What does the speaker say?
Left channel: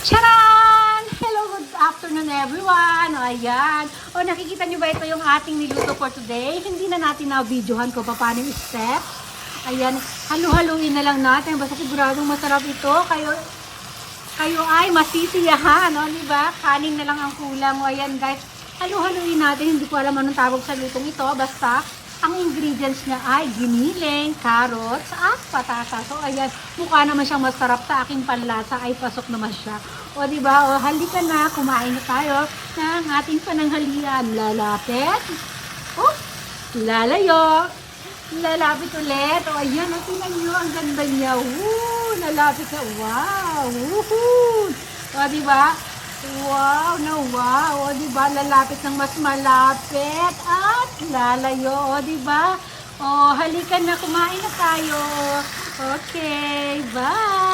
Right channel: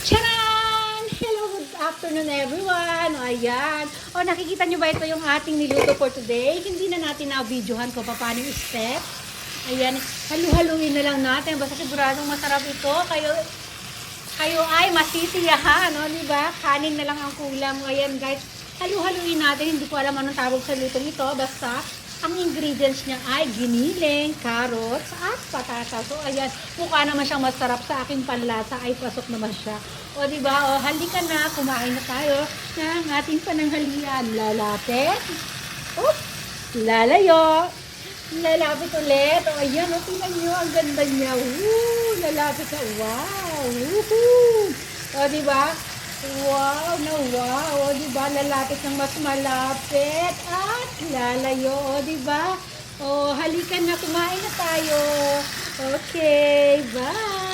Charan! Hello, good afternoon everyone! O ayan. O nakikita nyo ba ito yung ating niluto for today? Hindi na natin na-videohan kung paano yung step. Ayan, halu-haluin na lang natin. Basta siguradong masarap ito. Kayo ay masisiyahan, no? Diba? Kanin na lang ang kulang. O ayan guys, halu-haluin natin. Hindi ko alam anong tawag sa lutong ito. Basta, ang ingredients niya ay giniling, carrots, at patatas. So, ayan, mukha naman siyang masarap sa aking panlasa ay pasok naman siya. O, diba? O, halika na, kumain na tayo ng ating pananghalian. Lalapit. Oh, lalayo. Lalapit ulit. O, ayan, o, tingnan nyo, ang ganda niya. Woo, lalapit na. Wow. Woohoo. O, diba? Wow, na wow. O, diba? Lalapit ng mas malapit. At lalayo. O, diba? O, halika na. Kumain na tayo. Okay. Bye.